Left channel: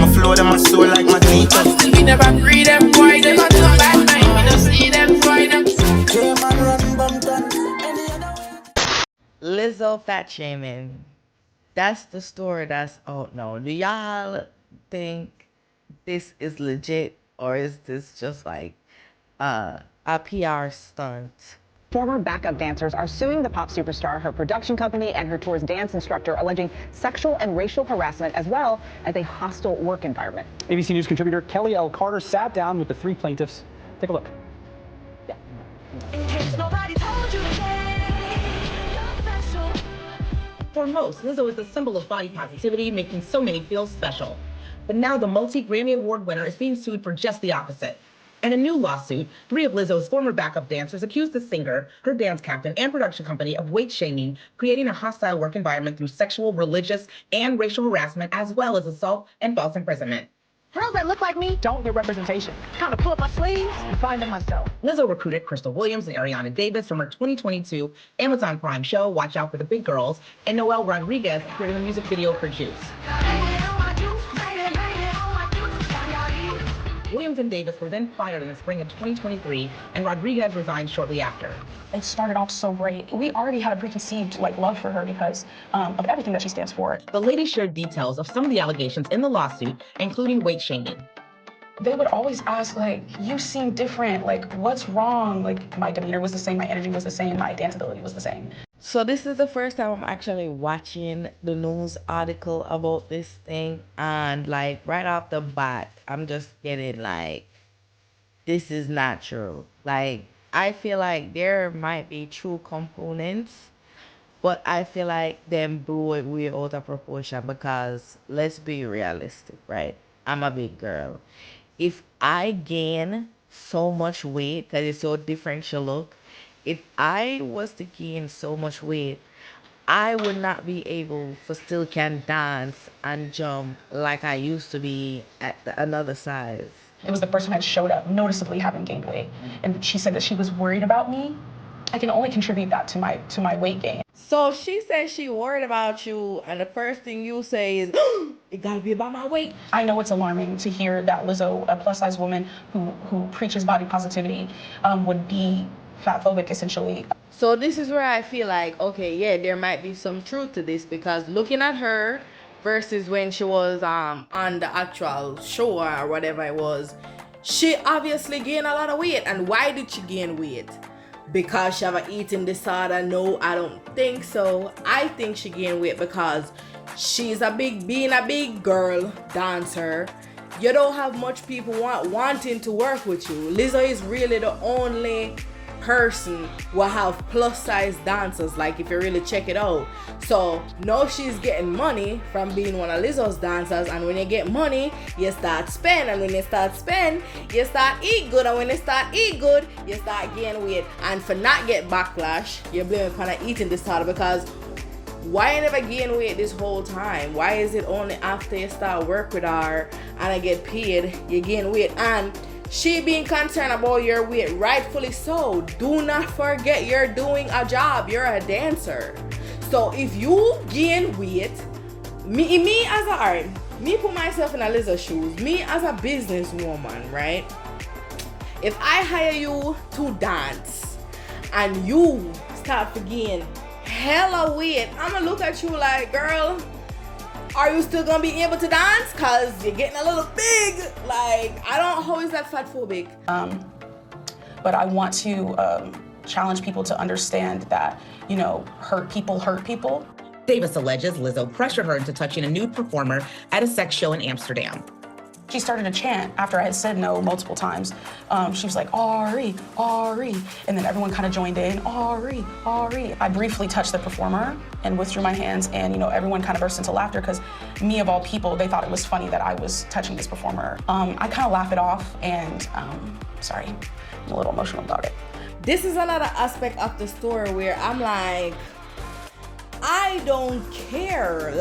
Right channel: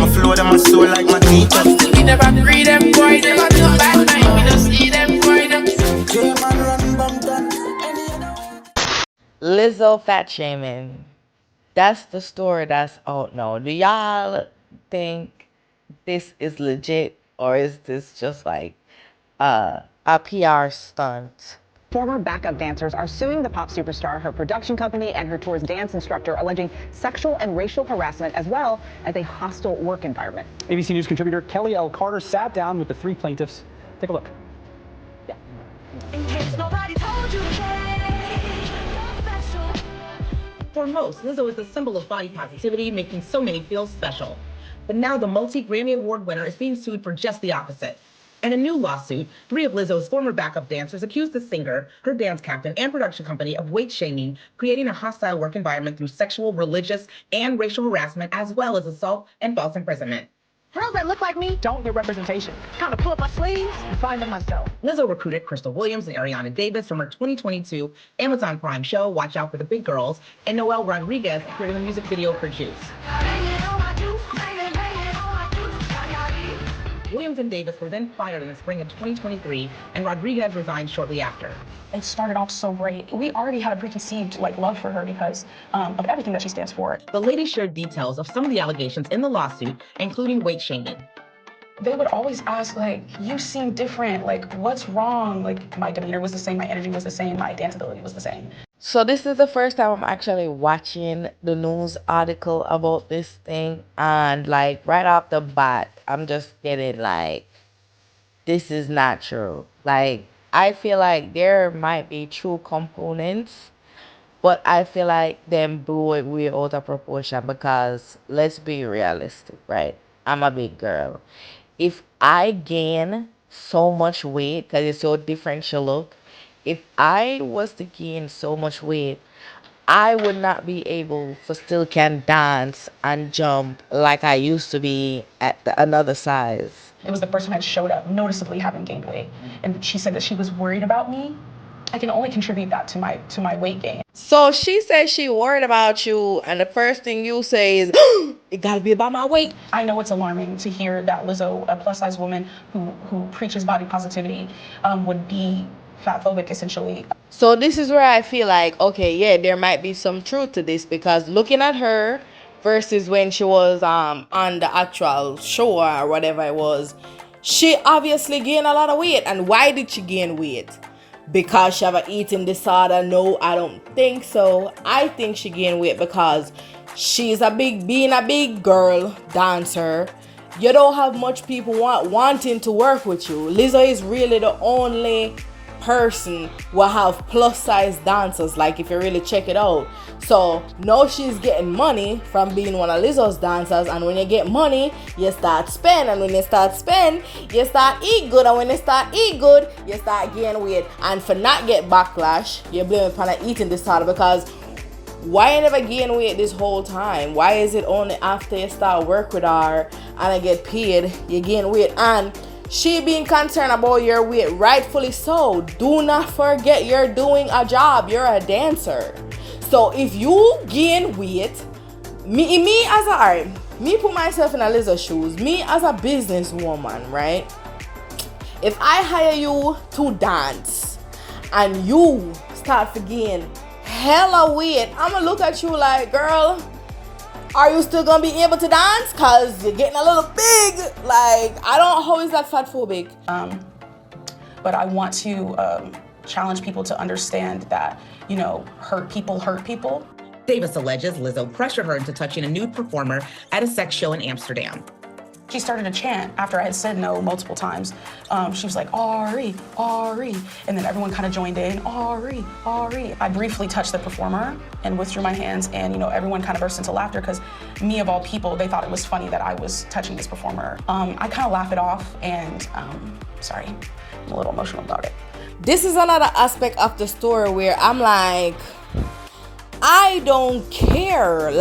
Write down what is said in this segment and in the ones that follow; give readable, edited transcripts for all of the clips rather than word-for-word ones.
my flow, them my soul like magneto. Still we never free them boy, them a no bad night, we don't see them boy, them. J-Man run Bumpton. Any other way? Lizzo fat shaming. That's the story that's out now. Do y'all think this is legit, or is this just like a PR stunt? Former backup dancers are suing the pop superstar, her production company, and her tour's dance instructor, alleging sexual and racial harassment as well as a hostile work environment. ABC News contributor Kelly L. Carter sat down with the three plaintiffs. Take a look. In case nobody told you, you're special. For most, Lizzo is the symbol of body positivity, making so many feel special. But now the multi-Grammy Award winner is being sued for just the opposite. In a new lawsuit, 3 of Lizzo's former backup dancers accused the singer, her dance captain, and production company of weight shaming, creating a hostile work environment through sexual, religious, and racial harassment, as well as assault and false imprisonment. Girls that look like me don't get representation. Kind of pull up my sleeves and find them myself. Lizzo recruited Crystal Williams and Ariana Davis from her 2022 Amazon Prime show, Watch Out for the Big Girls, and Noel Rodriguez appeared in the music video for Juice. Williams and Davis were then fired in the spring of 2023, and Rodriguez resigned shortly after. It started off so great. We already had a preconceived love for her because of everything that she stands for. The ladies shared details of some of the allegations in the lawsuit, including weight shaming. They would always ask, you seem different, what's wrong? My demeanor was the same, my energy was the same, my danceability was the same. So this is the first time I'm actually watching the news article about this thing, and right off the bat, I'm just getting this is not true. I feel like there might be true components, but I feel like them blew it way out of proportion because let's be realistic, right? I'm a big girl. If I gain so much weight, because it's so differential look, if I was to gain so much weight, I would not be able to still can dance and jump like I used to be at another size. It was the person that showed up noticeably having gained weight. And she said that she was worried about me. I can only contribute that to my weight gain. So she says she worried about you, and the first thing you say is, it gotta be about my weight. I know it's alarming to hear that Lizzo, a plus-size woman who preaches body positivity, would be fatphobic, essentially. So this is where I feel like, okay, yeah, there might be some truth to this, because looking at her versus when she was on the actual show or whatever it was, she obviously gained a lot of weight. And why did she gain weight? Because she have an eating disorder? No, I don't think so. I think she gained weight because she's being a big girl dancer. You don't have much people wanting to work with you. Lizzo is really the only person will have plus size dancers, if you really check it out. So now she's getting money from being one of Lizzo's dancers, and when you get money, you start spend, and when you start spend, you start eat good, and when you start eat good, you start gain weight. And for not get backlash, you blame it upon an eating disorder, because why you never gain weight this whole time? Why is it only after you start work with her and I get paid you gain weight? And she being concerned about your weight, rightfully so. Do not forget you're doing a job. You're a dancer. So if you gain weight, me put myself in a Lizzo shoes. Me as a businesswoman, right? If I hire you to dance and you start to gain hella weight, I'm gonna look at you like, girl, are you still gonna be able to dance? Cause you're getting a little big. How is that fatphobic? But I want to challenge people to understand that, hurt people. Davis alleges Lizzo pressured her into touching a nude performer at a sex show in Amsterdam. She started a chant after I had said no multiple times. She was like, Ari, Ari. And then everyone kind of joined in, Ari, Ari. I briefly touched the performer and withdrew my hands, and everyone kind of burst into laughter because me of all people, they thought it was funny that I was touching this performer. I kind of laugh it off, and sorry, I'm a little emotional about it. This is another aspect of the story where I'm like, I don't care.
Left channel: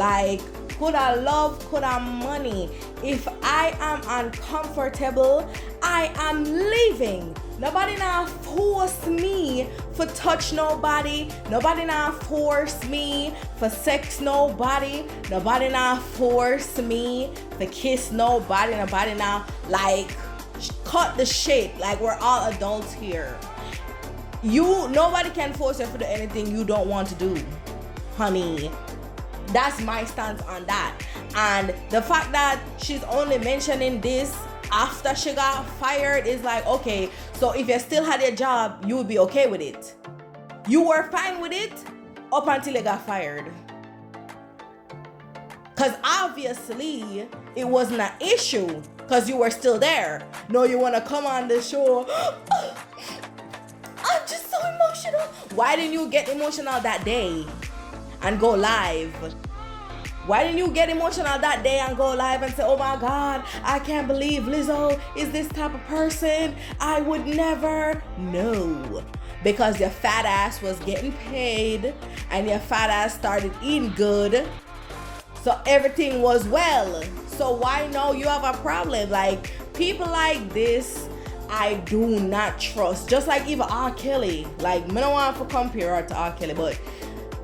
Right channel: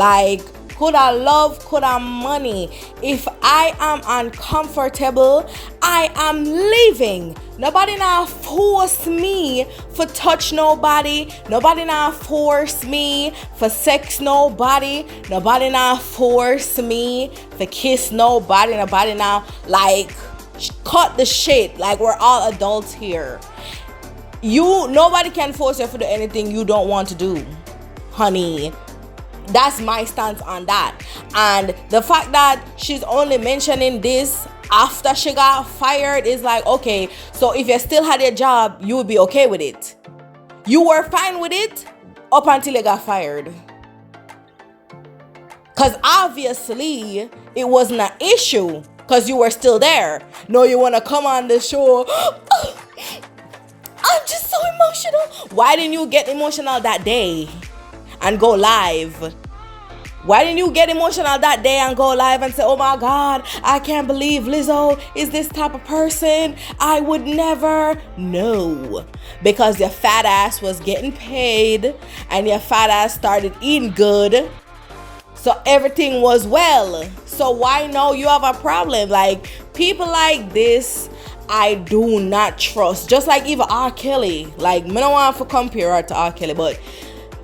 coulda love, coulda money. If I am uncomfortable, I am leaving. Nobody now force me for touch nobody. Nobody now force me for sex nobody. Nobody now force me for kiss nobody. Nobody now like cut the shit. Like, we're all adults here. Nobody can force you to do anything you don't want to do, honey. That's my stance on that. And the fact that she's only mentioning this after she got fired is like, okay, so if you still had your job, you would be okay with it. You were fine with it up until you got fired. Because obviously it wasn't an issue because you were still there. No, you want to come on the show. I'm just so emotional. Why didn't you get emotional that day and go live? Why didn't you get emotional that day and go live and say, oh my God, I can't believe Lizzo is this type of person. I would never. No. Because your fat ass was getting paid and your fat ass started eating good. So everything was well. So why now you have a problem? Like, people like this, I do not trust. Just like even R. Kelly. Like, I don't want to compare her to R. Kelly, but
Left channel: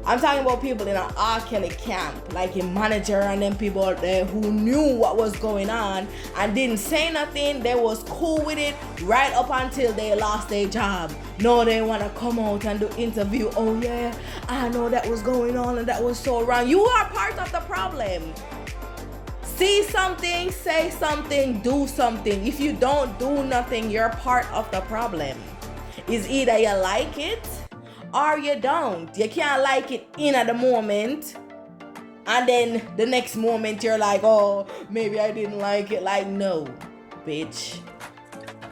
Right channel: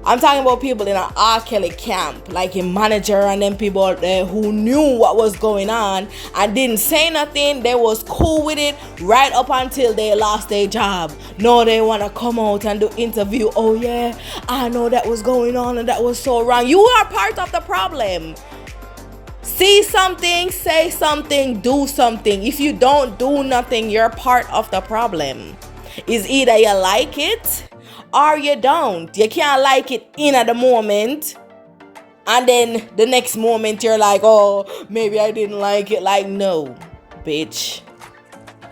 I'm talking about people in an R. Kelly camp, like a manager and them people there who knew what was going on and didn't say nothing. They was cool with it right up until they lost their job. No, they want to come out and do interview. Oh yeah, I know that was going on and that was so wrong. You are part of the problem. See something, say something, do something. If you don't do nothing, you're part of the problem. It's either you like it or you don't. You can't like it in at the moment and then the next moment you're like, oh, maybe I didn't like it. Like, no, bitch.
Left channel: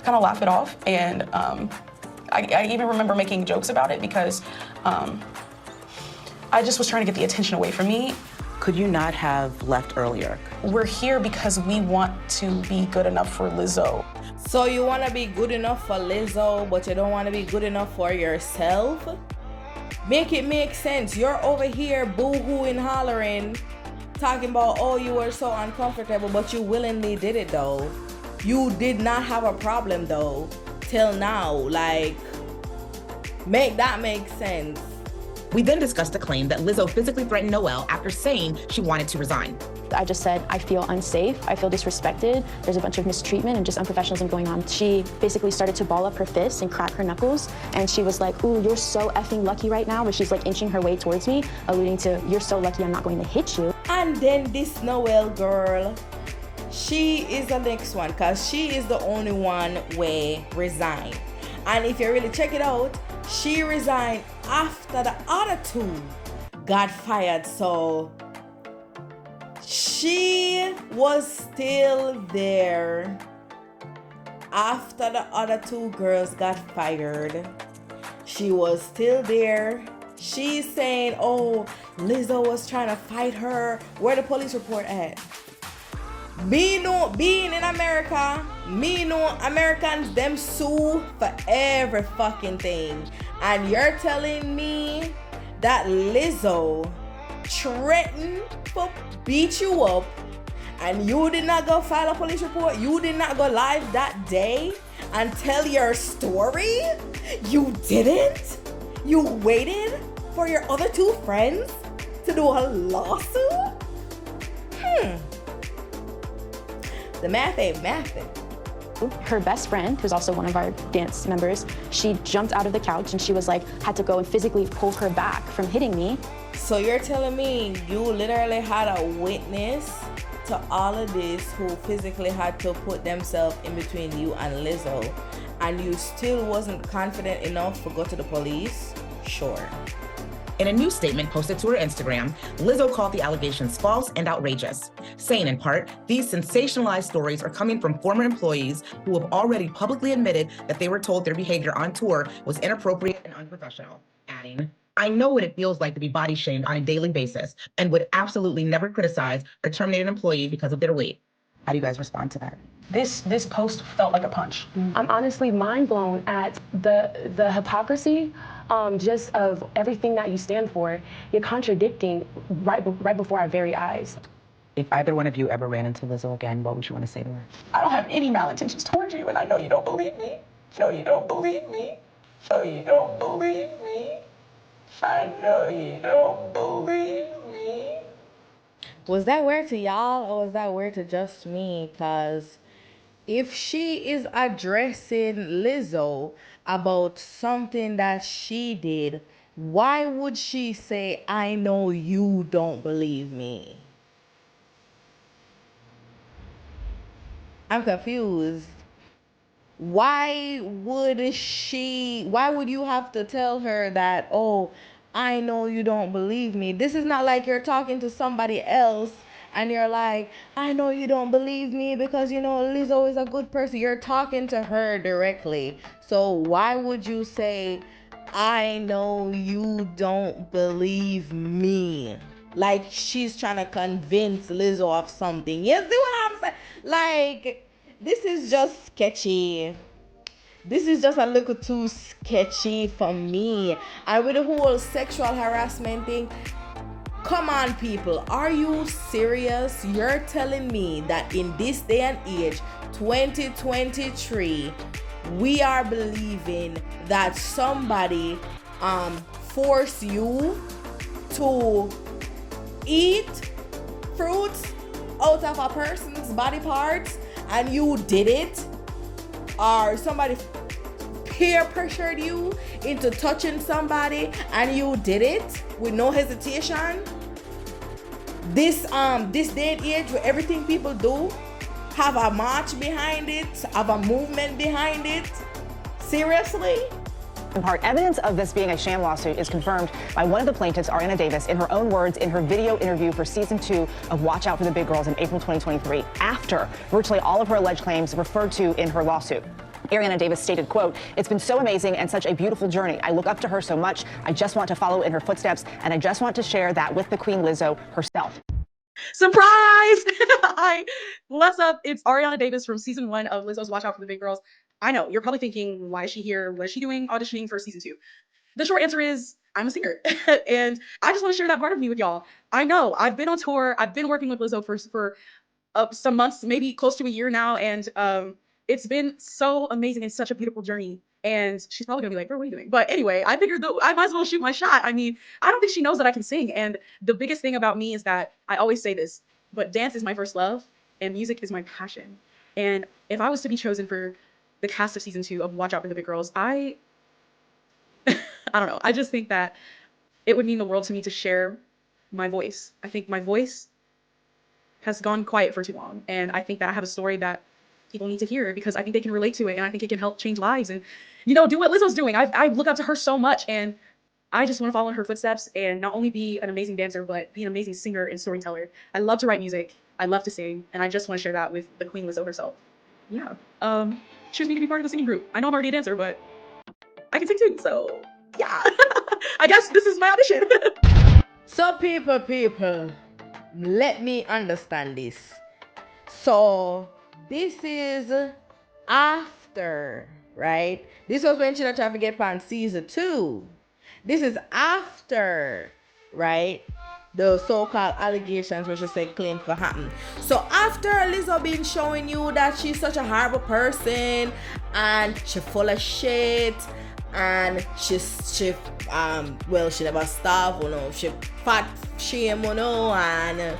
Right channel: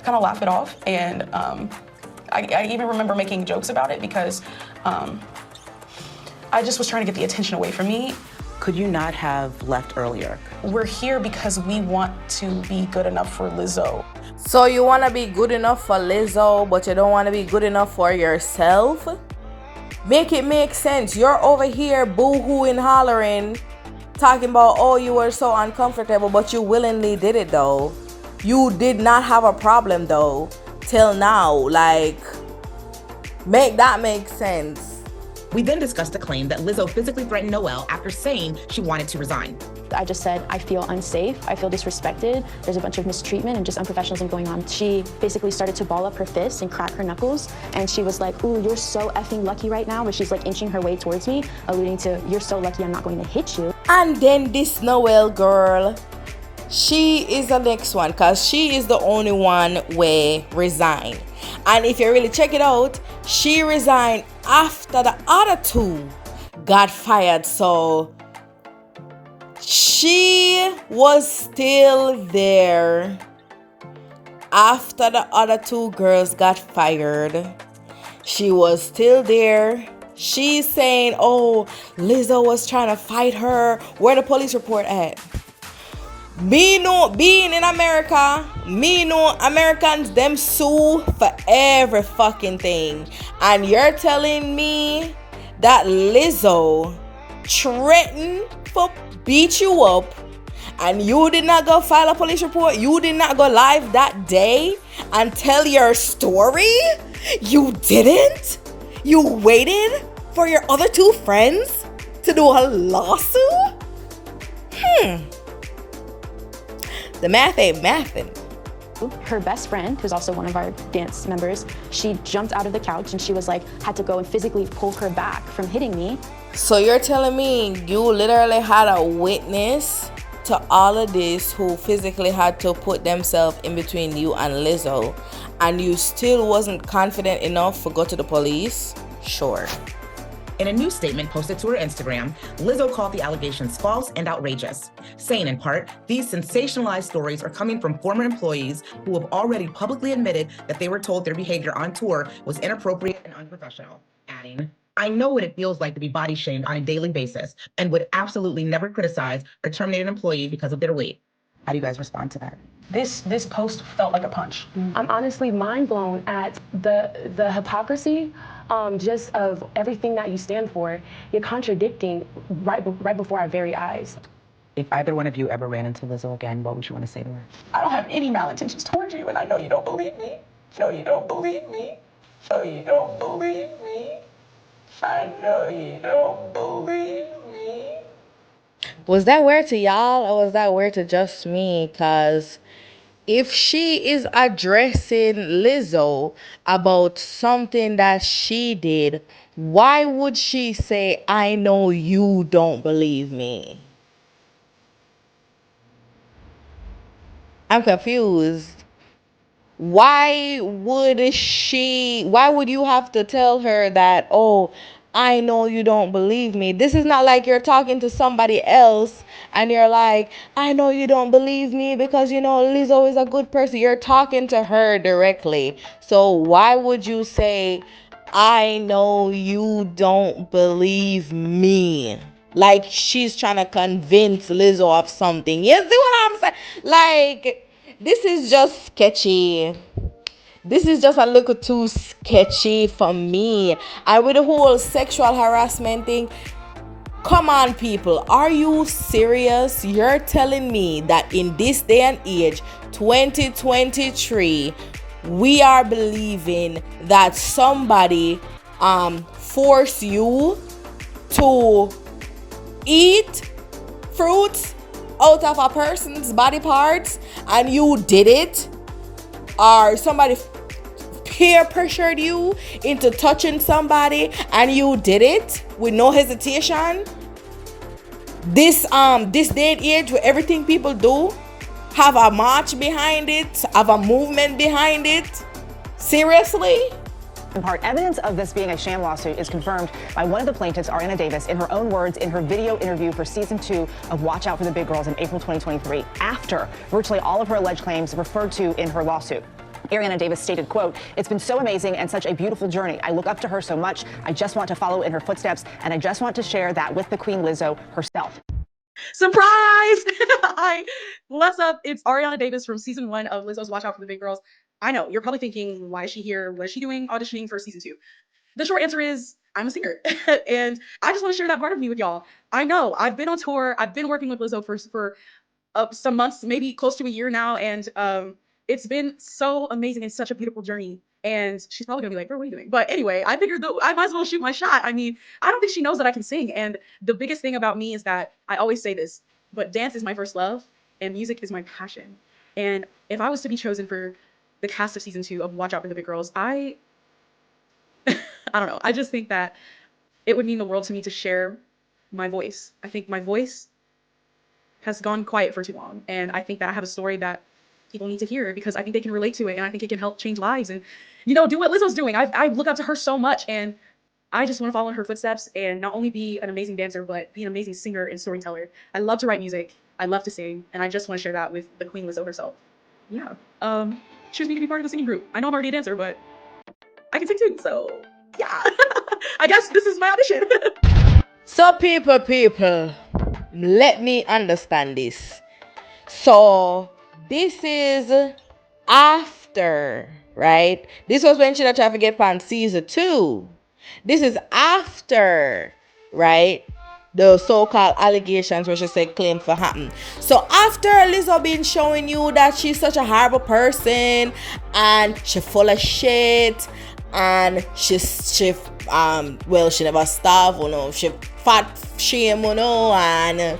Kind of laugh it off, and I even remember making jokes about it because I just was trying to get the attention away from me. Could you not have left earlier? We're here because we want to be good enough for Lizzo. So you want to be good enough for Lizzo, but you don't want to be good enough for yourself? Make it make sense. You're over here boo-hooing, hollering, talking about, oh, you were so uncomfortable, but you willingly did it though. You did not have a problem though, till now. Like, make that make sense. We then discussed the claim that Lizzo physically threatened Noel after saying she wanted to resign. I just said, I feel unsafe, I feel disrespected, there's a bunch of mistreatment and just unprofessionalism going on. She basically started to ball up her fists and crack her knuckles, and she was like, ooh, you're so effing lucky right now, but she's like inching her way towards me, alluding to, you're so lucky I'm not going to hit you. And then this Noel girl, she is the next one, because she is the only one where resigned. And if you really check it out, she resigned after the other two got fired. So she was still there after the other two girls got fired. She was still there. She's saying, oh, Lizzo was trying to fight her. Where the police report at? Being in America, me know Americans, them sue for every fucking thing. And you're telling me that Lizzo threatened to beat you up and you did not go file a police report? You did not go live that day and tell your story? You didn't? You waited for your other two friends to do a lawsuit? The math ain't mathin'. Her best friend, who's also one of our dance members, she jumped out of the couch and she was like, had to go and physically pull her back from hitting me. So you're telling me you literally had a witness to all of this who physically had to put themselves in between you and Lizzo, and you still wasn't confident enough to go to the police? Sure. In a new statement posted to her Instagram, Lizzo called the allegations false and outrageous, saying in part, these sensationalized stories are coming from former employees who have already publicly admitted that they were told their behavior on tour was inappropriate and unprofessional, adding, I know what it feels like to be body shamed on a daily basis and would absolutely never criticize or terminate an employee because of their weight. How do you guys respond to that? This post felt like a punch. I'm honestly mind blown at the hypocrisy just of everything that you stand for. You're contradicting right before our very eyes. If either one of you ever ran into Lizzo again, what would you want to say to her? I don't have any malintentions towards you, and I know you don't believe me. No, you don't believe me. No, you don't believe me. I know you don't believe me. Was that weird to y'all, or was that weird to just me? Because if she is addressing Lizzo about something that she did, why would she say, I know you don't believe me? I'm confused. Why would you have to tell her that, oh, I know you don't believe me? This is not like you're talking to somebody else and you're like, I know you don't believe me because, Lizzo is a good person. You're talking to her directly. So why would you say, I know you don't believe me? Like she's trying to convince Lizzo of something. You see what I'm saying? Like, this is just sketchy. This is just a little too sketchy for me. And with the whole sexual harassment thing, come on, people. Are you serious? You're telling me that in this day and age, 2023, we are believing that somebody force you to eat fruits out of a person's body parts and you did it, or somebody peer pressured you into touching somebody and you did it with no hesitation? This day and age where everything people do have a march behind it, have a movement behind it. Seriously? In part, evidence of this being a sham lawsuit is confirmed by one of the plaintiffs, Ariana Davis, in her own words in her video interview for season 2 of Watch Out for the Big Girls in April 2023, after virtually all of her alleged claims referred to in her lawsuit. Ariana Davis stated, quote, "It's been so amazing and such a beautiful journey. I look up to her so much. I just want to follow in her footsteps, and I just want to share that with the Queen Lizzo herself." Surprise! Hi, what's up? It's Ariana Davis from season 1 of Lizzo's Watch Out for the Big Girls. I know, you're probably thinking, why is she here? What is she doing auditioning for season 2? The short answer is, I'm a singer. And I just want to share that part of me with y'all. I know, I've been on tour. I've been working with Lizzo for some months, maybe close to a year now. And it's been so amazing and such a beautiful journey. And she's probably gonna be like, "Bro, what are you doing?" But anyway, I figured though I might as well shoot my shot. I mean, I don't think she knows that I can sing. And the biggest thing about me is that I always say this, but dance is my first love and music is my passion. And if I was to be chosen for the cast of season 2 of Watch Out for the Big Girls, I don't know. I just think that it would mean the world to me to share my voice. I think my voice has gone quiet for too long. And I think that I have a story that people need to hear because I think they can relate to it. And I think it can help change lives and, do what Lizzo's doing. I look up to her so much. And I just want to follow in her footsteps and not only be an amazing dancer, but be an amazing singer and storyteller. I love to write music. I love to sing. And I just want to share that with the Queen Lizzo herself. Yeah. Choose me to be part of the singing group. I know I'm already a dancer, but I can sing too. So yeah, I guess this is my audition. So people, let me understand this. So this is after, right? This was when she tried to get on season 2. This is after, right? The so-called allegations where she said claim for happen. So after Lizzo been showing you that she's such a horrible person and she full of shit and she never starve, she fat shame, and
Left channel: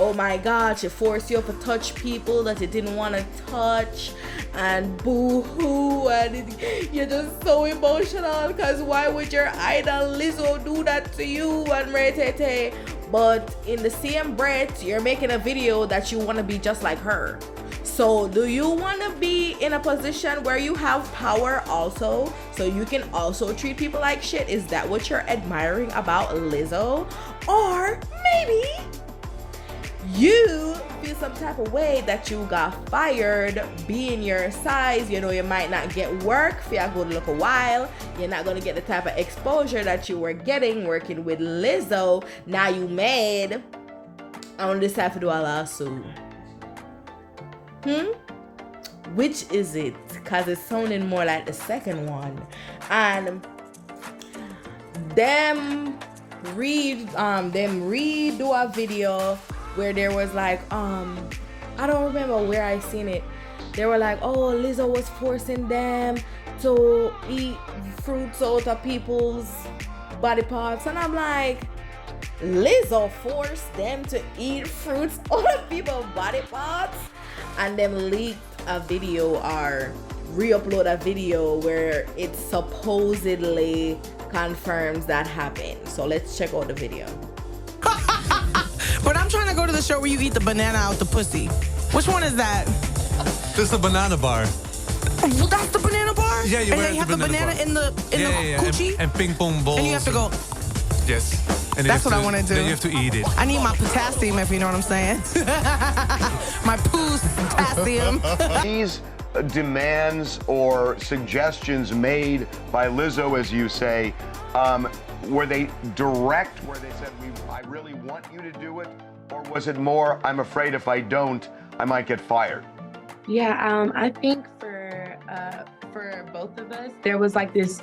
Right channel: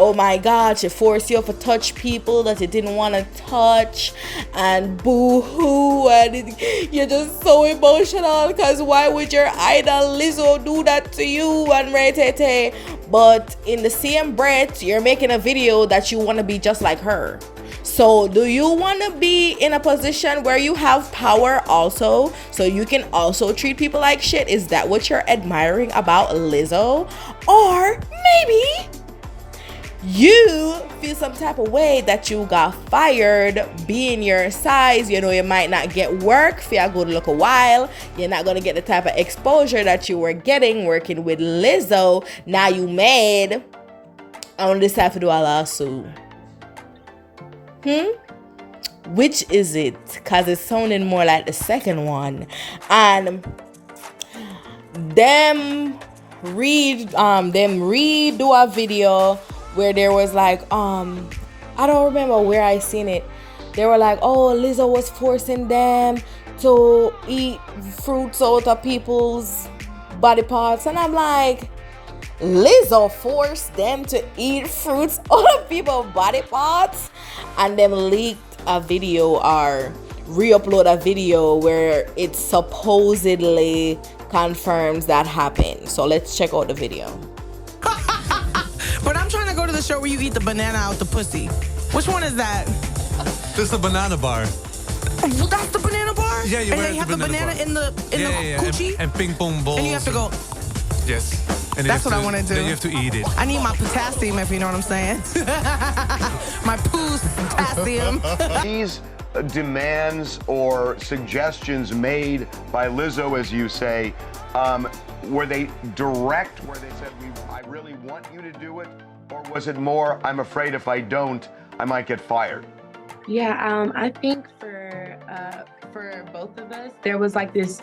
oh my God, she forced you to touch people that you didn't want to touch, and boo-hoo, and you're just so emotional because why would your idol Lizzo do that to you, and retete. But in the same breath, you're making a video that you want to be just like her. So do you want to be in a position where you have power also, so you can also treat people like shit? Is that what you're admiring about Lizzo? Or maybe you feel some type of way that you got fired, being your size, you might not get work for a good look a while. You're not going to get the type of exposure that you were getting working with Lizzo. Now you mad. I want to decide to do a lawsuit. Which is it? Because it's sounding more like the second one. And them redo a video where there was like, I don't remember where I seen it. They were like, oh, Lizzo was forcing them to eat fruits out of people's body parts. And I'm like, Lizzo forced them to eat fruits out of people's body parts? And them leaked a video or re-upload a video where it supposedly confirms that happened. So let's check out the video. But I'm trying to go to the show where you eat the banana out the pussy. Which one is that? This is a banana bar. Well, that's the banana bar? Yeah, you and wear they have the banana bar. in the coochie? And ping pong balls. And you have to go. Yes. And That's what I want to do. Then you have to eat it. I need my potassium, if you know what I'm saying. My potassium. These demands or suggestions made by Lizzo, as you say, were they direct, where they said, I really want you to do it? Or was it more, I'm afraid if I don't, I might get fired? Yeah, I think for both of us, there was like this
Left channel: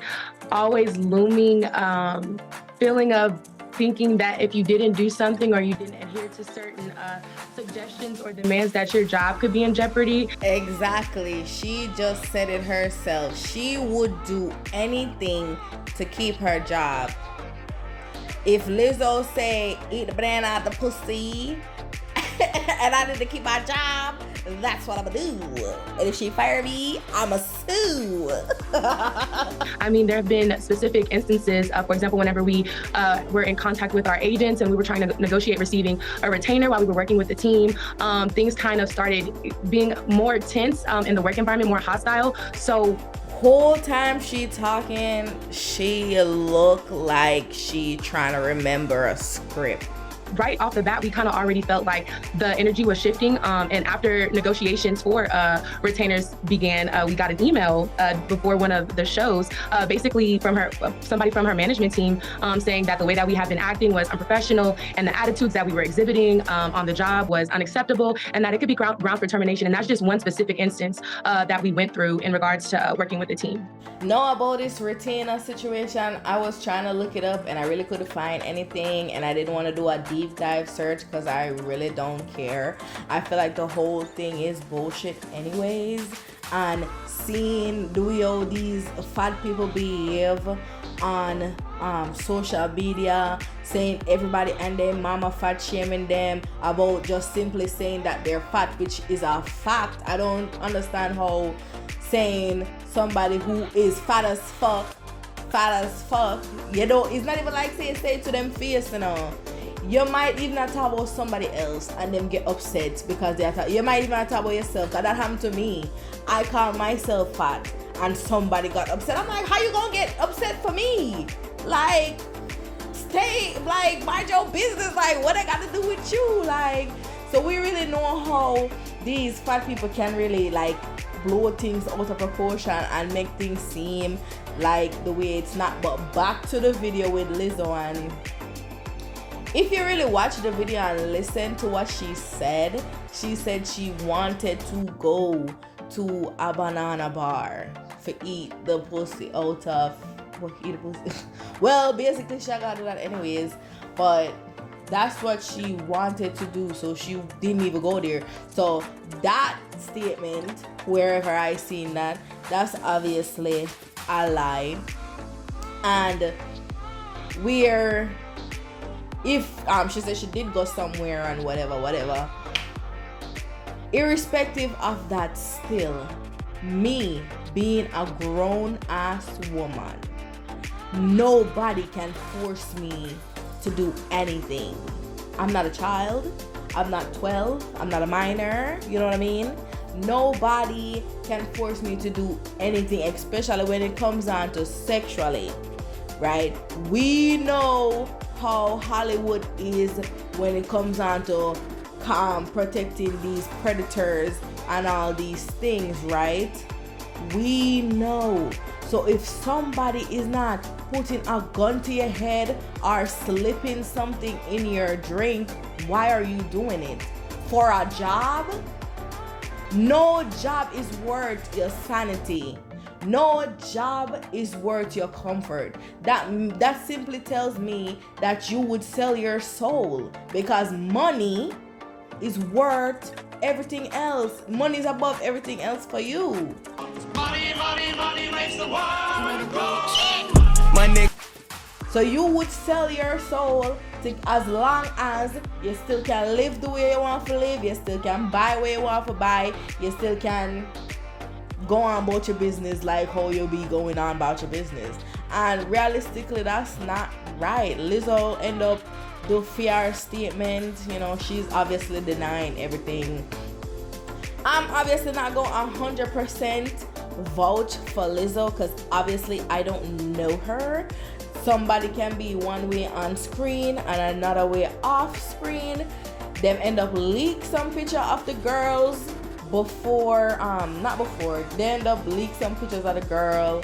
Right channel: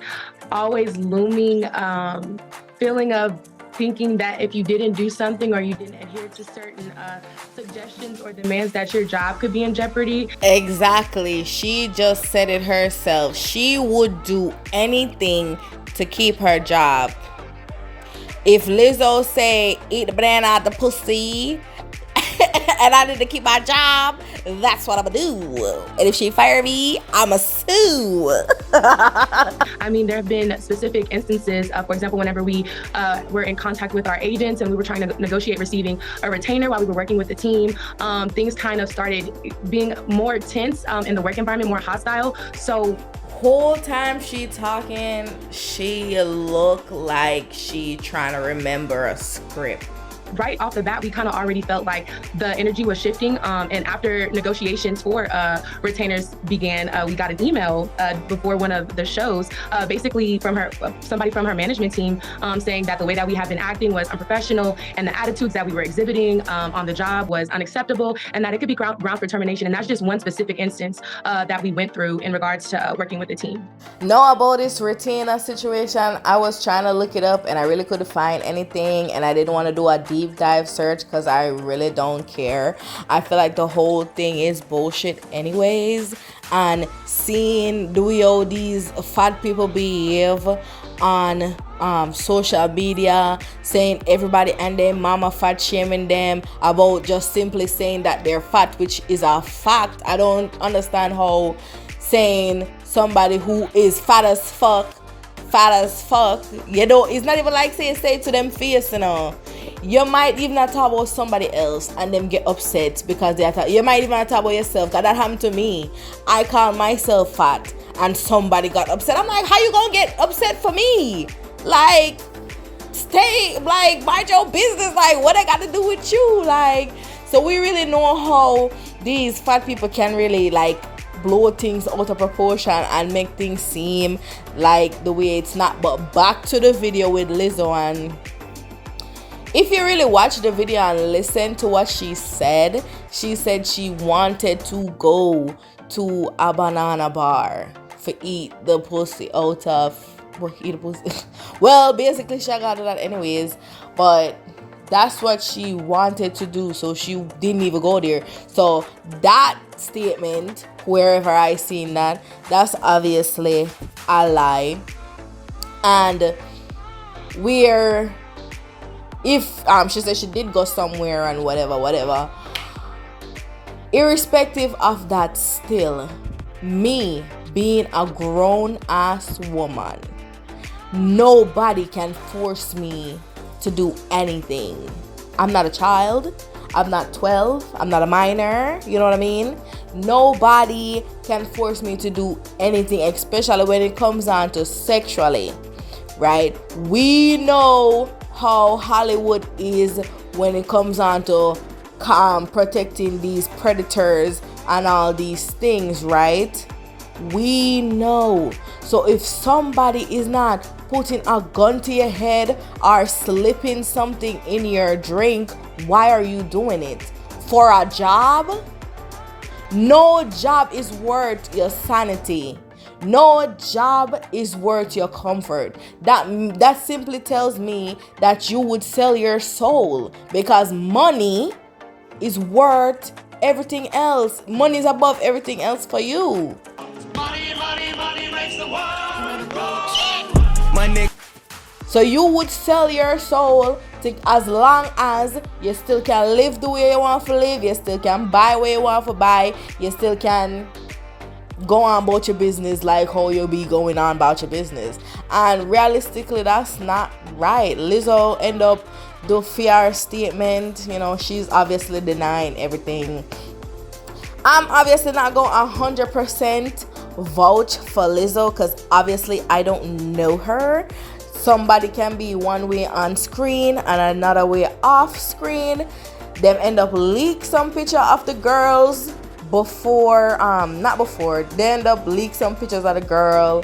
always looming feeling of thinking that if you didn't do something or you didn't adhere to certain suggestions or demands, that your job could be in jeopardy. Exactly. She just said it herself. She would do anything to keep her job. If Lizzo say, eat the banana out the pussy, and I need to keep my job, that's what I'm gonna do. And if she fire me, I'ma sue. I mean, there have been specific instances, for example, whenever we were in contact with our agents and we were trying to negotiate receiving a retainer while we were working with the team, things kind of started being more tense in the work environment, more hostile. So whole time she talking, she look like she trying to remember a script. Right off the bat, we kind of already felt like the energy was shifting. And after negotiations for retainers began, we got an email before one of the shows, basically from somebody from her management team, saying that the way that we have been acting was unprofessional and the attitudes that we were exhibiting on the job was unacceptable, and that it could be ground for termination. And that's just one specific instance that we went through in regards to working with the team. Know about this retainer situation? I was trying to look it up and I really couldn't find anything, and I didn't want to do a deep dive search because I really don't care. I feel like the whole thing is bullshit anyways, and seeing the way all these fat people behave on social media, saying everybody and their mama fat shaming them about just simply saying that they're fat, which is a fact. I don't understand how saying somebody who is fat as fuck, you know, it's not even like say to them face, you know. You might even not talk about somebody else and them get upset because you might even not talk about yourself, because that happened to me. I call myself fat and somebody got upset. I'm like, how you gonna get upset for me? Like, stay, like, mind your business. Like, what I got to do with you? Like, so we really know how these fat people can really, like, blow things out of proportion and make things seem like the way it's not. But back to the video with Lizzo, and if you really watch the video and listen to what she said she wanted to go to a banana bar for eat the pussy out of, well, basically she got to that anyways, but that's what she wanted to do, so she didn't even go there. So that statement, wherever I seen that, that's obviously a lie. And if she said she did go somewhere and whatever, irrespective of that, still, me being a grown ass woman, nobody can force me to do anything. I'm not a child, I'm not 12, I'm not a minor, you know what I mean? Nobody can force me to do anything, especially when it comes down to sexually, right? We know how Hollywood is when it comes on to protecting these predators and all these things, right? We know. So if somebody is not putting a gun to your head or slipping something in your drink, why are you doing it? For a job? No job is worth your sanity. No job is worth your comfort. That simply tells me that you would sell your soul, because money is worth everything else. Money is above everything else for you. Money makes the world go. So you would sell your soul to, as long as you still can live the way you want to live, you still can buy what you want to buy, you still can go on about your business like how you be going on about your business. And realistically, that's not right. Lizzo end up do fear statement. You know, she's obviously denying everything. I'm obviously not going 100% vouch for Lizzo because obviously I don't know her. Somebody can be one way on screen and another way off screen. Them end up leak some picture of the girls before, they end up leak some pictures of the girl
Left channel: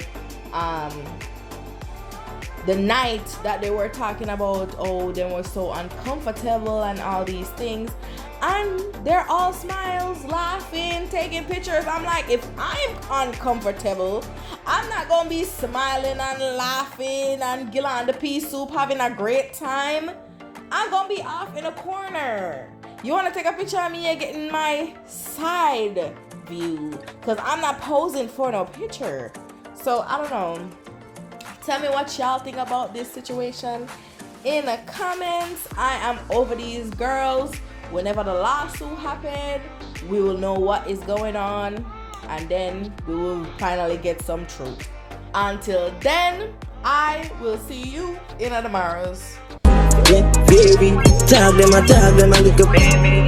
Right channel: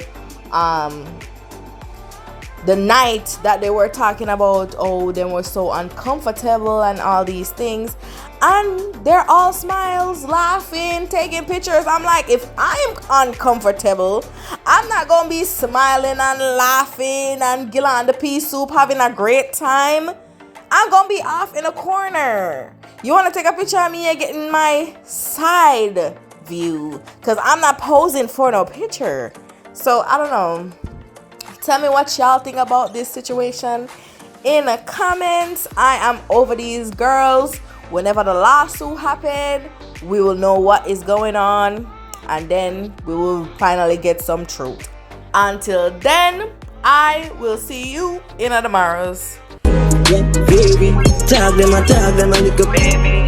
the night that they were talking about, oh, they were so uncomfortable and all these things. And they're all smiles, laughing, taking pictures. I'm like, if I'm uncomfortable, I'm not gonna be smiling and laughing and gilling on the pea soup, having a great time. I'm gonna be off in a corner. You wanna take a picture of me and getting my side view? Because I'm not posing for no picture. So I don't know. Tell me what y'all think about this situation in the comments. I am over these girls. Whenever the lawsuit happened, we will know what is going on, and then we will finally get some truth. Until then, I will see you in tomorrow's. Yeah, baby, tag them, a little baby.